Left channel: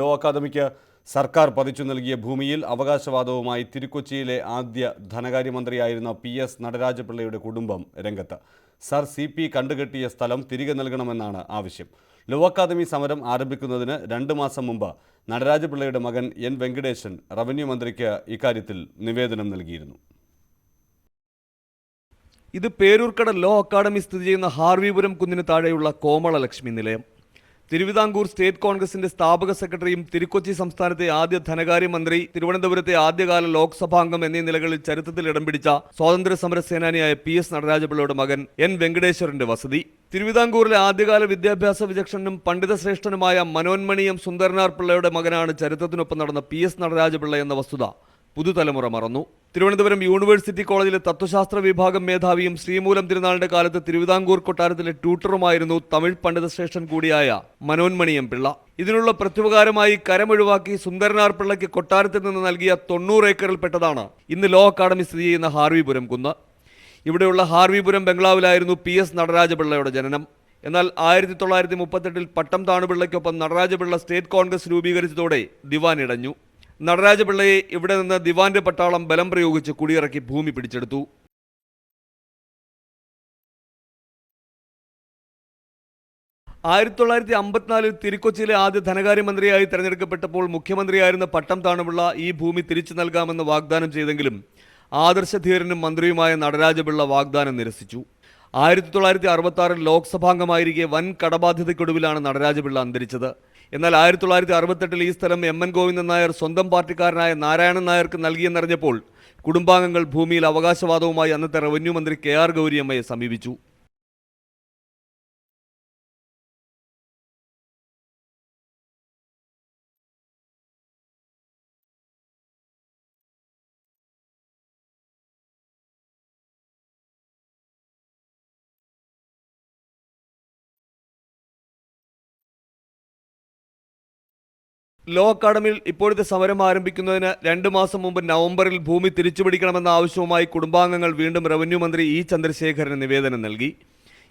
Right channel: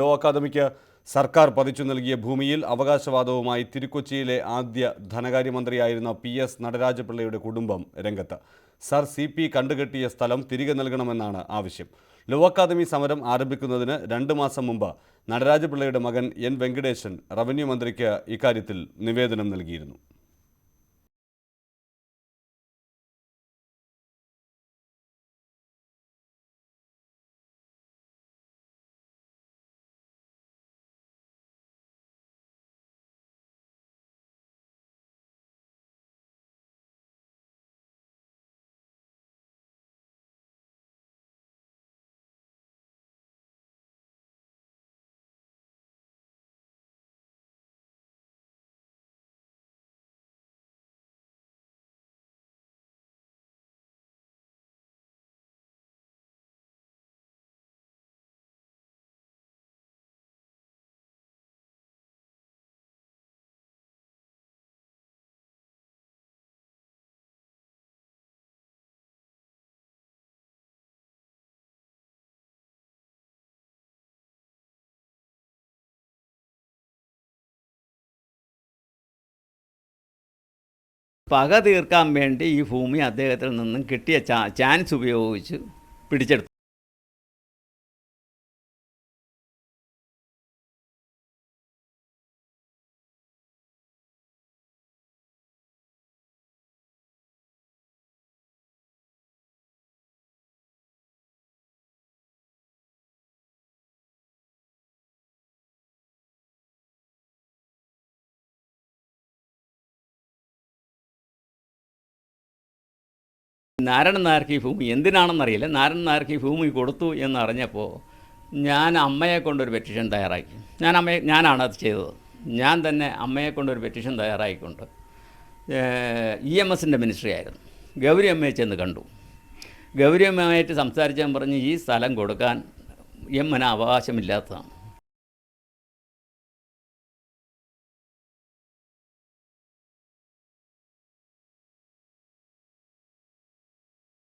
Law academic സർക്കാർ പതിച്ചു നൽകിയ ഭൂമിയിൽ അവകാശവാദവുമായി തിരുക്കൊച്ചിയിലെ ആദ്യ ധനകാര്യമന്ത്രിയായിരുന്ന PS നടരാജപിള്ളയുടെ കുടുംബം രംഗത്ത്. സർ CP കണ്ടുകെട്ടിയ സ്ഥലം തിരികെ നൽകണമെന്നാണ് ആവശ്യം. ലോ അക്കാദമി സമരം ആരംഭിക്കുന്നതിന് 2 മാസം മുമ്പ് നടരാജപിള്ളയുടെ മകൻ N വെങ്കടേശൻ റവന്യൂ മന്ത്രിക്ക് ഇക്കാര്യത്തിൽ നിവേദനം നൽകിയിരുന്നു. ഇത് പേരൂർക്കട ലോ അക്കാദമി സ്ഥിതി ചെയ്യുന്ന ഹാർവിപുരം കുന്നിന് താഴെയുള്ള കോമളലക്ഷ്മി നിലയം. തിരുവിതാംകൂർ സ്റ്റേറ്റ് കോൺഗ്രസിന്റെ സ്ഥാപക സെക്രട്ടറിയും തിരുക്കൊച്ചി സംസ്ഥാനത്തെ ആദ്യ ധനകാര്യമന്ത്രി, തിരുവനന്തപുരത്തെ ആദ്യകാല ലോക്സഭാംഗം എന്നീ നിലകളിൽ ചരിത്രത്തിൽ ഇടം പിടിച്ച സ്വാതന്ത്ര്യ സമര സേനാനിയായ PS നടരാജപിള്ളയുടെ മകൻ N വെങ്കടേശ്വരന്റെ വസതി. തിരുവിതാംകൂറിലെ ആദ്യകാല വിദ്യാഭ്യാസ വിചക്ഷണനും പണ്ഡിതശ്രേഷ്ഠനുമായ മനോന്മണീയം സുന്ദരനാർ പിള്ളയുടെ മകനാണ് ചരിത്രത്തിനൊപ്പം നടന്ന PS നടരാജപിള്ള എന്ന വസ്തുത പുതുതലമുറ മറന്നു. തിരുവനന്തപുരം യൂണിവേഴ്സിറ്റി കോളേജിലെ തത്വശാസ്ത്ര വിഭാഗം മേധാവിയും ശ്രീമൂലം തിരുനാളിന്റെ കാലത്ത് തിരുവിതാംകൂർ കൊട്ടാരത്തിലെ ട്യൂട്ടറുമായിരുന്നു തമിഴ് പണ്ഡിതശ്രേഷ്ഠൻ കൂടിയായ മനോന്മണിയം പിള്ള. ഇതിനുള്ള പ്രത്യുപകാരമായി കരമൊഴിവാക്കി സുന്ദരനാർ പിള്ളയ്ക്ക് കൊട്ടാരത്തിൽ നിന്ന് നൽകിയ 90 ഏക്കറിൽപ്പെട്ടതാണ് ഇന്ന് ലോ അക്കാദമി സ്ഥിതി ചെയ്യുന്ന ഹാർവിപുരം കുന്ന്. ഇവിടെയുള്ള ഹാർവിപുരം ബംഗ്ലാവിലായിരുന്നു PS നടരാജപിള്ളയുടെ ജനനം. എന്നാൽ 1938 പട്ടം താണുപിള്ളയ്ക്കൊപ്പം നടരാജപിള്ള സ്റ്റേറ്റ് കോൺഗ്രസ് രൂപീകരിച്ചതോടെ ദിവാൻ ഇടഞ്ഞു. നടരാജപിള്ളയെ ഇവിടെ നിന്ന് ദിവാന്റെ പട്ടാളം ബലം പ്രയോഗിച്ച് കുടിയിറക്കി ഭൂമി പിടിച്ചെടുത്തു. പക തീർക്കാൻ വേണ്ടി ഈ ഭൂമി അദ്ദേഹത്തിൽ നിന്നും കിട്ടിയ ചാൻസ് ഉപയോഗിച്ച് പിടിച്ചെടുത്തു. 1954 തിരുക്കൊച്ചിയിലെ ആദ്യ ധനകാര്യമന്ത്രിയായി തെരഞ്ഞെടുക്കപ്പെട്ടപ്പോൾ മുഖ്യമന്ത്രിയായിരുന്ന പട്ടം താണുപിള്ള ഈ ഭൂമി തിരിച്ചു നൽകാമെന്ന് വാഗ്ദാനം ചെയ്തെങ്കിലും ആദർശധീരനും മന്ത്രിയുമായ നടരാജപിള്ള വാഗ്ദാനം നിരസിച്ചു. 1966 ലോക്സഭാംഗമായിരിക്കെ വൻ കടബാധ്യതയ്ക്കൊടുവിലാണ് നടരാജപിള്ള അന്തരിച്ചത്. എന്നാൽ 1968 ഈ സ്ഥലം MN ഗോവിന്ദൻ നായർ സ്വന്തം പാർട്ടിക്കാരനായ നാരായണൻ നായർക്ക് നൽകിയെന്നറിഞ്ഞപ്പോൾ കുടുംബാംഗങ്ങൾ ഭൂമിയിൽ അവകാശവാദവുമായി അന്നത്തെ റവന്യൂ മന്ത്രി KR ഗൗരിയമ്മയെ സമീപിച്ചു. നാരായണൻ നായർക്ക് ഈ ഭൂമി എന്തിനാണെന്നറിയില്ല. നാരായണൻ നായർക്ക് ഈ ഭൂമി കൊടുത്തു എന്നറിഞ്ഞപ്പോൾ ഞാൻ അമ്മയെ കൊണ്ടൊരു പെറ്റീഷൻ തയ്യാറാക്കി. ഞാനാണ് അത് ചെയ്തത്. ഞാൻ തന്നെ അമ്മയെ കൊണ്ടൊരു പെറ്റീഷൻ തയ്യാറാക്കിക്കൊണ്ട് EMSൻ്റെ മിനിസ്ട്രി ആയിരുന്നു. ഗൗരിയമ്മയെ ചെന്ന് കണ്ടു. ഗൗരിയമ്മയായിട്ട് സംസാരിച്ചാൽ പറഞ്ഞ് ഈ സ്ഥലം കൊടുക്കാൻ എമ്മന് അവകാശമില്ലാത്തതാണ്. ലോ അക്കാദമിയിൽ ഇപ്പോഴത്തെ സമരം ആരംഭിക്കുന്നതിന് 2 മാസം മുമ്പ് നവംബറിൽ ഭൂമി തിരിച്ചുപിടിക്കണമെന്ന ആവശ്യവുമായി കുടുംബാംഗങ്ങൾ വീണ്ടും റവന്യൂ മന്ത്രി E ചന്ദ്രശേഖരന് നിവേദനം നൽകി.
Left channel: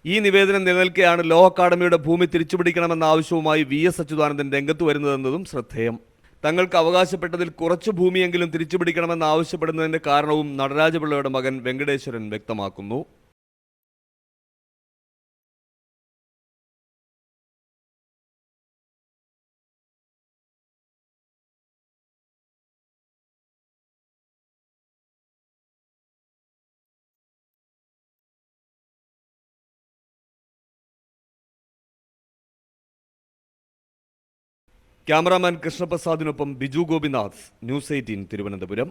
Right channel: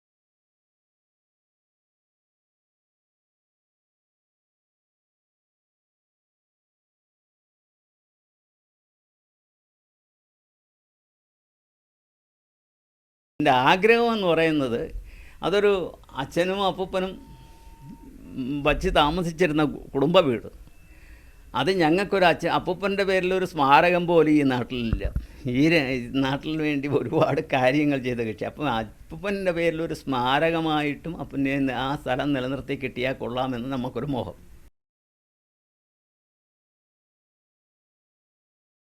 ഈ നിവേദനം നിലനിൽക്കെയാണ് ലോ അക്കാദമിയുടെ ഭൂമി തിരിച്ചുപിടിക്കണമെന്ന ആവശ്യവുമായി VS അച്യുതാനന്ദൻ രംഗത്ത് വരുന്നതെന്നതും ശ്രദ്ധേയം. തങ്ങൾക്ക് അവകാശപ്പെട്ടതിൽ കുറച്ച് ഭൂമിയെങ്കിലും തിരിച്ചുപിടിക്കണമെന്ന് ആവശ്യപ്പെടുന്നതിൻ്റെ കാരണവും നടരാജപിള്ളയുടെ മകൻ വെങ്കടേശ്വരൻ വ്യക്തമാക്കുന്നു. എൻ്റെ ആഗ്രഹം എന്ന് പറയുന്നത് അതൊരു അച്ഛനും അപ്പൂപ്പനും വച്ച് താമസിച്ചിരുന്ന കുടുംബ വീട്. അത് ഞങ്ങൾക്കൊരു അപ്പൂപ്പൻ്റെ പേരിലൊരു സ്മാരകം പോലും ഈ നാട്ടിലില്ല. ഈ നാട്ടിൽ വേണ്ടി ഒരുപാട് കാര്യങ്ങൾ ചെയ്ത കക്ഷി. അപ്പം അപ്പൂപ്പൻ്റെ പേരിലൊരു സ്മാരകമായിട്ടും പിന്നെ ആ സ്ഥലം നിലനിർത്തി കിട്ടിയാൽ കൊള്ളാമെന്ന് നമുക്കൊരു മോഹം. ക്യാമറാമാൻ കൃഷ്ണപ്രസാദിനൊപ്പം ബിജു ഗോപിനാഥ്, News 18 തിരുവനന്തപുരം.